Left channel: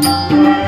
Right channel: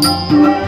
Música